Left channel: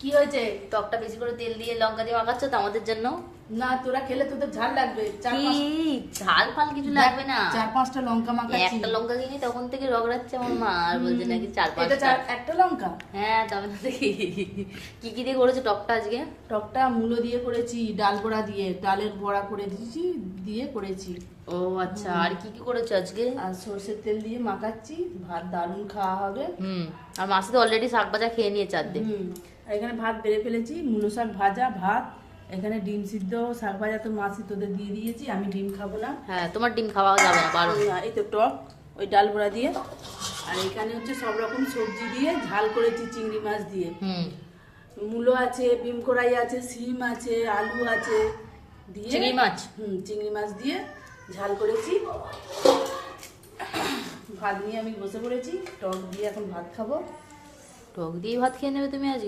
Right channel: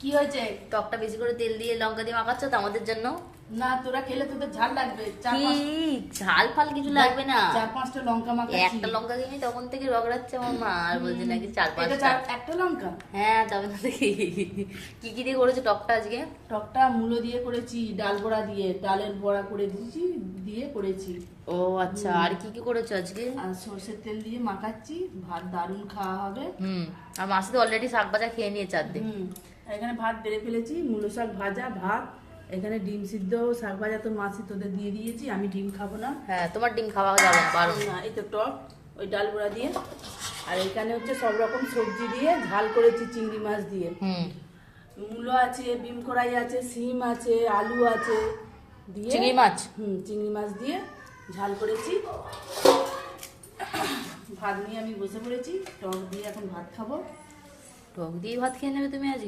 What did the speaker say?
কি হয়েছে? টকটা বেশি করে তেল দিয়ে লঙ্কা দিয়ে মাখাচ্ছ তো আমাদের জন্য? না, তোরা খেলে তোদের ঝাল লাগবে। ঝাল ফাল কিছু লাগবে না। 4-5টা লঙ্কা মাখাচ্ছি। একটা লঙ্কা কিনি তখন থেকে রগড়াচ্ছে আমার মা, আর বলছে নাকি 4-5টা। একটা লঙ্কা? হ্যাঁ, তবে না দেখি। কি কি দিয়ে করেছো টকটা আজকে? টকটা মূলো দিয়ে করেছি, ডাল বড়া দিয়ে, ডালের বড়া করে দিয়েছি, দিয়ে করেছি। ও আচ্ছা, আর কি কি করেছো আজকে? আর সর্ষের তেল দিয়ে মাখাচ্ছি, ভাত দারুণ খাওয়া হবে। আর মাসি তো অলরেডি শাক ভাজা খেয়ে নিয়েছে আর্ধেক। এখানে ভাত বেড়ে ফেলেছি, মূলো শাক ভাজা, ভাত, এখানে ডিম সিদ্ধ, শাক ভাজা তো মাসি তোদের দিয়ে দিয়েছি, আমি ডিম খাবো না। হ্যাঁ, তোমার ডিম খাওয়া যাবে না, বারণ। এই তো টক, ওই ডাল বড়া দিয়ে, আর এখানে হচ্ছে সব রকম সবজি দিয়ে ঝাল করেছি চিংড়ি মাছ দিয়ে। মূলো আছে, বিম কড়াই আছে, সিম আছে, আলু আছে দিয়ে চিংড়ি মাছ, চিংড়ি মাছ দিয়ে ঝাল করেছি। ভাত নিয়ে আমি বসে পড়েছি, টক দিয়ে এখন ভাত খাবো। টক দিয়ে ভাত খেয়ে নেবে তুমি আজ?